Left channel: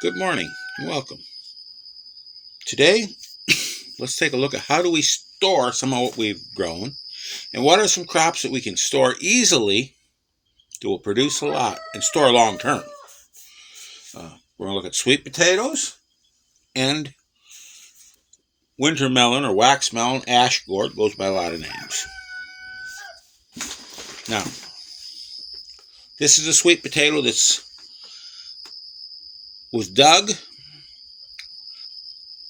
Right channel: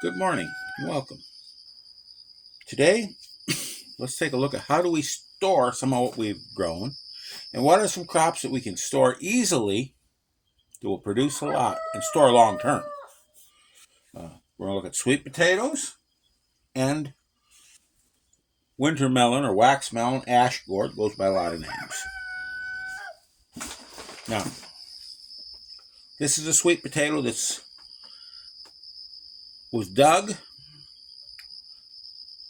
Good morning and welcome. Today, let's take a look at how do we store some of what we've grown and what are some crops that we can store easily that will produce a lot and store long term. We're going to look at sweet potatoes and winter melon or wax melon, ash gourd, goes by a lot of names. Now, this is a sweet potato that was dug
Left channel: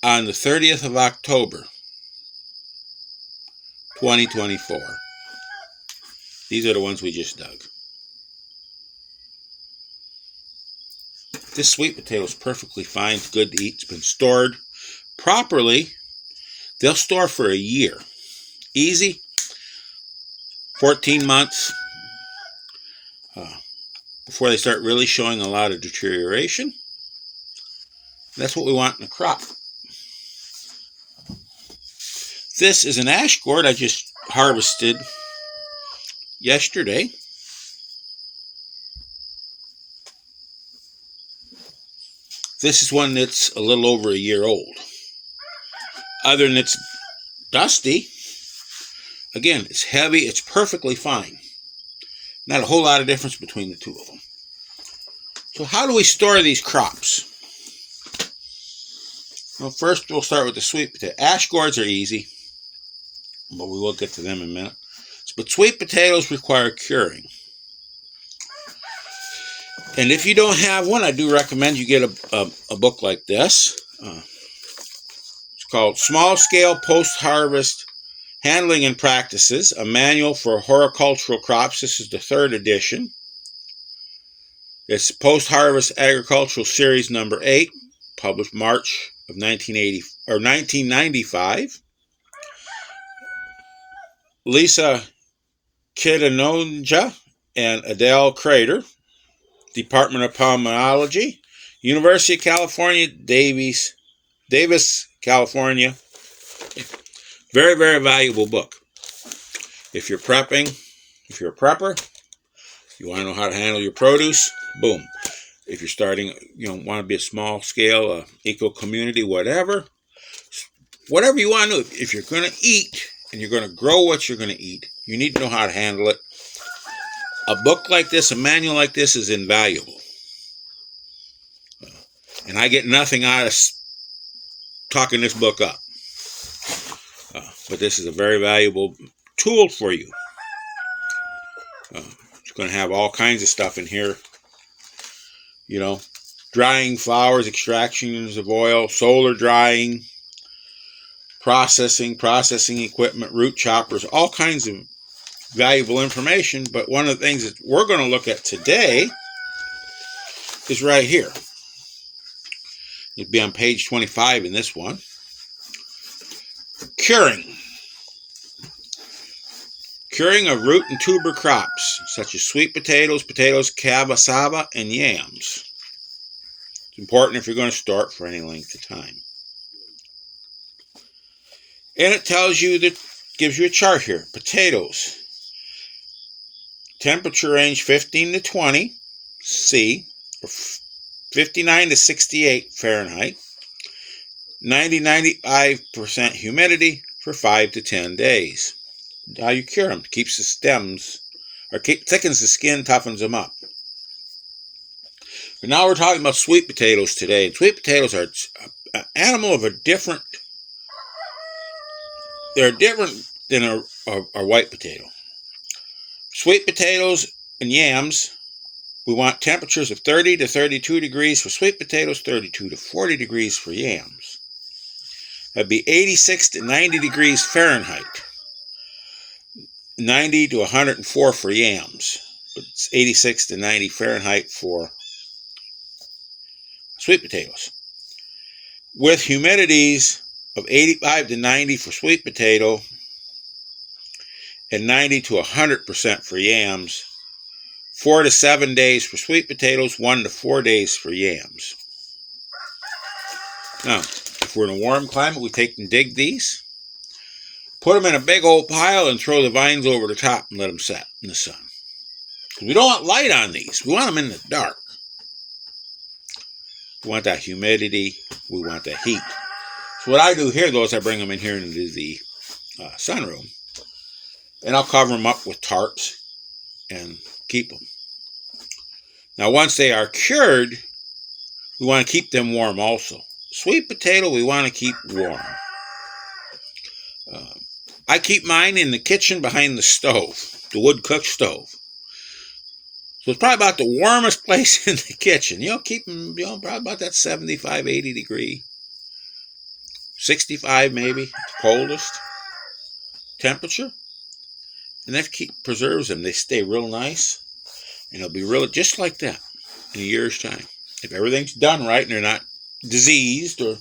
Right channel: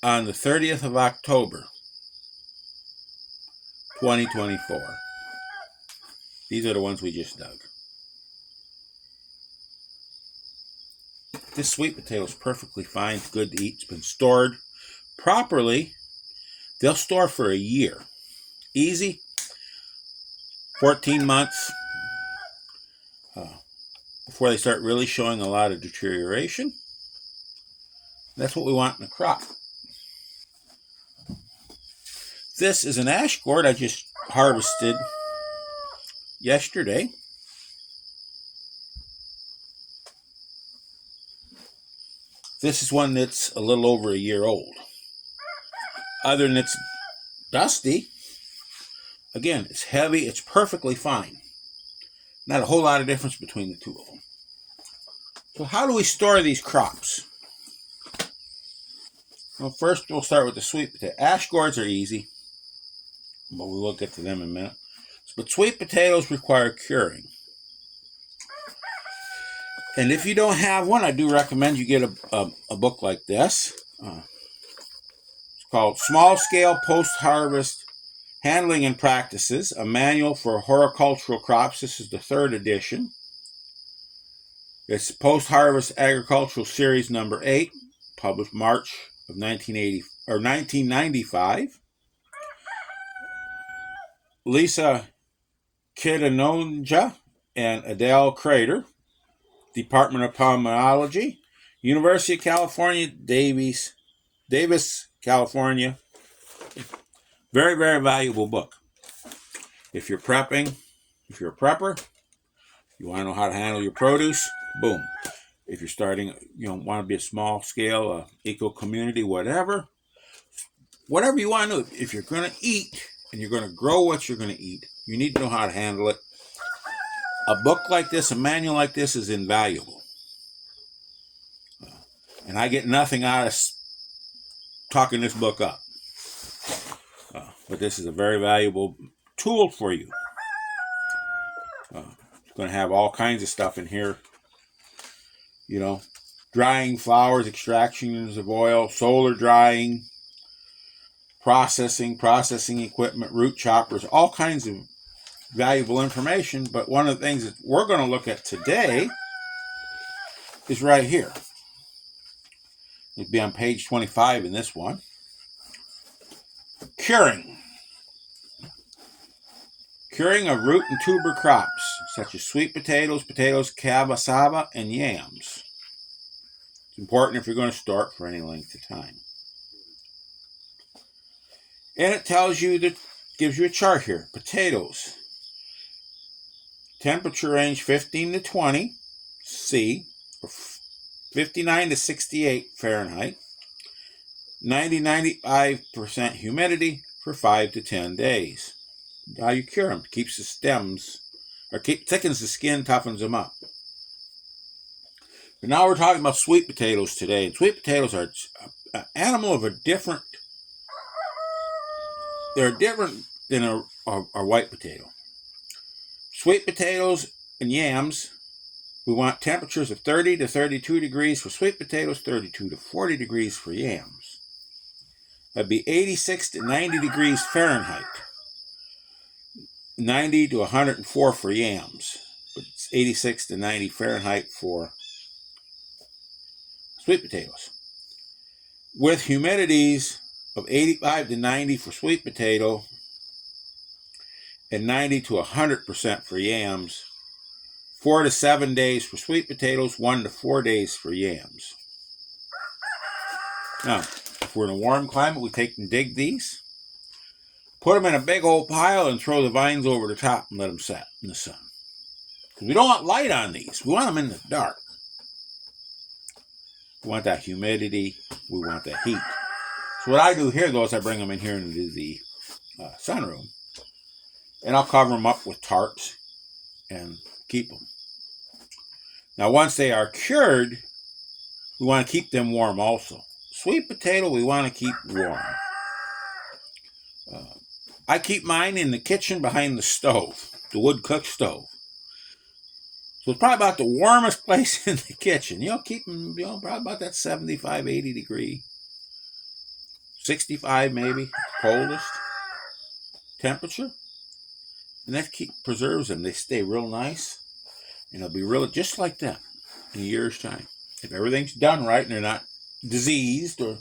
on the 30th of October, 2024. These are the ones we just dug. This sweet potato is perfectly fine, it's good to eat, it's been stored properly. They'll store for a year. Easy, 14 months before they start really showing a lot of deterioration. That's what we want in a crop. This is an ash gourd I just harvested yesterday. This is one that's a little over a year old. Other than it's dusty, again, it's heavy, it's perfectly fine. Not a whole lot of difference between the two of them. So how do we store these crops? Well, first we'll start with the sweet potato. Ash gourds are easy, but we will get to them in a minute. But sweet potatoes require curing. And if you don't have one, I do recommend you get a book like this. It's called Small Scale Post-Harvest Handling and Practices, a Manual for Horticultural Crops. This is the 3rd edition. It's Post-Harvest Agricultural Series number 8, published March of 1995. Lisa Kidanonja and Adele Crater, Department of Pomology, University of California, Davis, California. Very, very valuable book. If you're prepping, if you're a prepper, you want to know how to handle your produce, boom. If you're starting, want to be a small scale, eco community, whatever you want to do. If you're going to eat and you're going to grow what you're going to eat, you need to know how to handle it. A book like this, a manual like this is invaluable. And I get nothing out of talking this book up. But this is a very valuable tool for you. It's going to have all kinds of stuff in here. Drying flowers, extractions of oil, solar drying, processing equipment, root choppers, all kinds of valuable information. But one of the things that we're going to look at today is right here. It'd be on page 25 in this one. Curing. Curing of root and tuber crops, such as sweet potatoes, cassava, and yams. It's important if you're going to store it for any length of time. And it tells you gives you a chart here. Potatoes. Temperature range 15 to 20 C, or 59 to 68 Fahrenheit. 90-95% humidity for 5 to 10 days. How you cure them? Keeps the stems, thickens the skin, toughens them up. But now we're talking about sweet potatoes today. Sweet potatoes are an animal of they're different than a white potato. Sweet potatoes and yams, we want temperatures of 30 to 32 degrees for sweet potatoes, 32 to 40 degrees for yams. That'd be 86 to 90 degrees Fahrenheit. 90 to 104 for yams. But it's 86 to 90 Fahrenheit for sweet potatoes. With humidities of 85 to 90 for sweet potato and 90 to 100% for yams. 4 to 7 days for sweet potatoes, 1 to 4 days for yams. Now, if we're in a warm climate, we take and dig these, put them in a big old pile, and throw the vines over the top and let them set in the sun. We don't want light on these. We want them in the dark. We want that humidity. We want that heat. So what I do here, though, is I bring them in here into the sunroom. And I'll cover them up with tarps and keep them. Now, once they are cured, we want to keep them warm also. Sweet potato, we want to keep warm. I keep mine in the kitchen behind the stove, the wood cook stove. So it's probably about the warmest place in the kitchen. Keep them, probably about that 75, 80 degree. 65 maybe, the coldest temperature. And that preserves them. They stay real nice. And they'll be really just like that in a year's time. If everything's done right and they're not diseased or,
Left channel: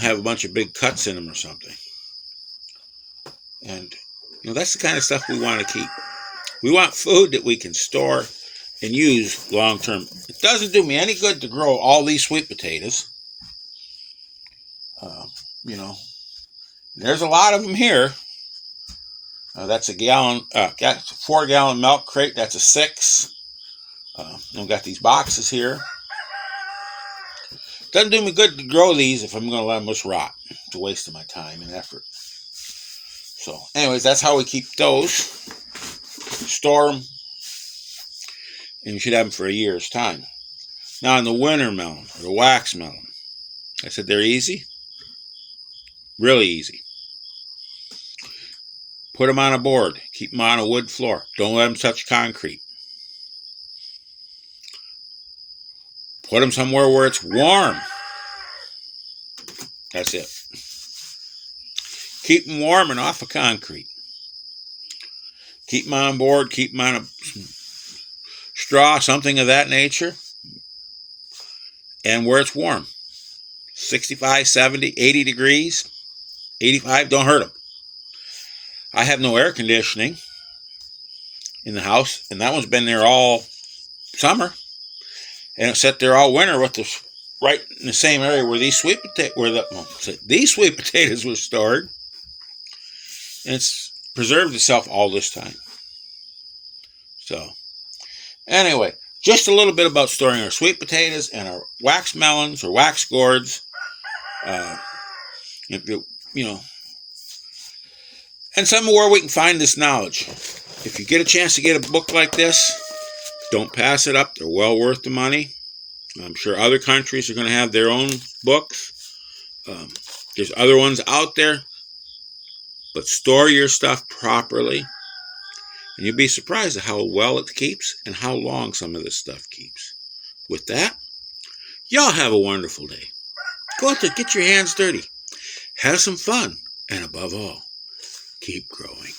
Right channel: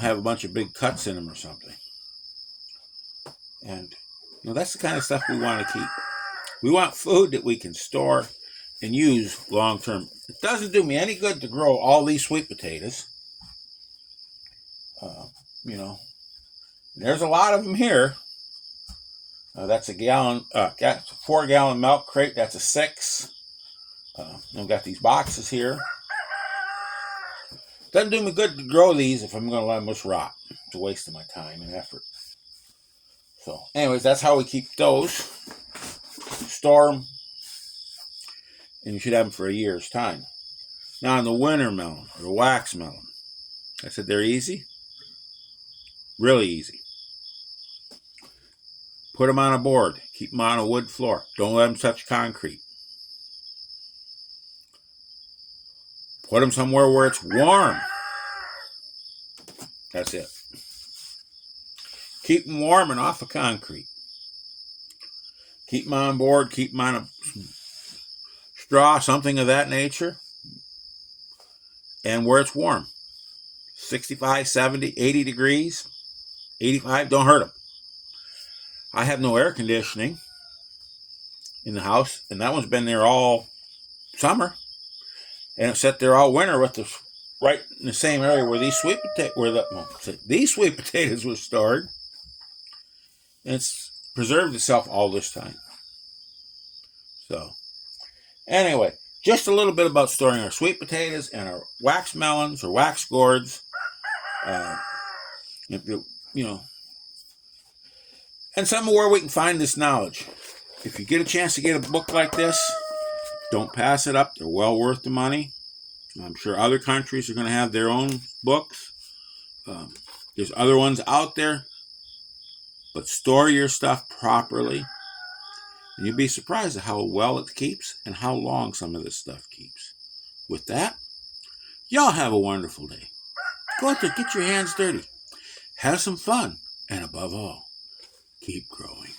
have a bunch of big cuts in them or something. And, that's the kind of stuff we want to keep. We want food that we can store and use long term. It doesn't do me any good to grow all these sweet potatoes. There's a lot of them here. That's a gallon, got a 4-gallon milk crate. That's a 6. I've got these boxes here. Doesn't do me good to grow these if I'm going to let them just rot. It's a waste of my time and effort. So, anyways, that's how we keep those. Store them. And you should have them for a year's time. Now, on the winter melon, or the wax melon, I said they're easy. Really easy. Put them on a board. Keep them on a wood floor. Don't let them touch concrete. Put them somewhere where it's warm. That's it. Keep them warm and off of concrete. Keep them on board. Keep them on a straw, something of that nature. And where it's warm. 65, 70, 80 degrees. 85, don't hurt them. I have no air conditioning in the house, and that one's been there all summer. And it sat there all winter with this right in the same area where these sweet potatoes were stored. And it's preserved itself all this time. So, anyway, just a little bit about storing our sweet potatoes and our wax melons or wax gourds. And somewhere where we can find this knowledge. If you get a chance to get a book like this, don't pass it up. They're well worth the money. I'm sure other countries are going to have their own books. There's other ones out there. But store your stuff properly. And you'll be surprised at how well it keeps and how long some of this stuff keeps. With that, y'all have a wonderful day. Go out there, get your hands dirty. Have some fun. And above all, keep growing.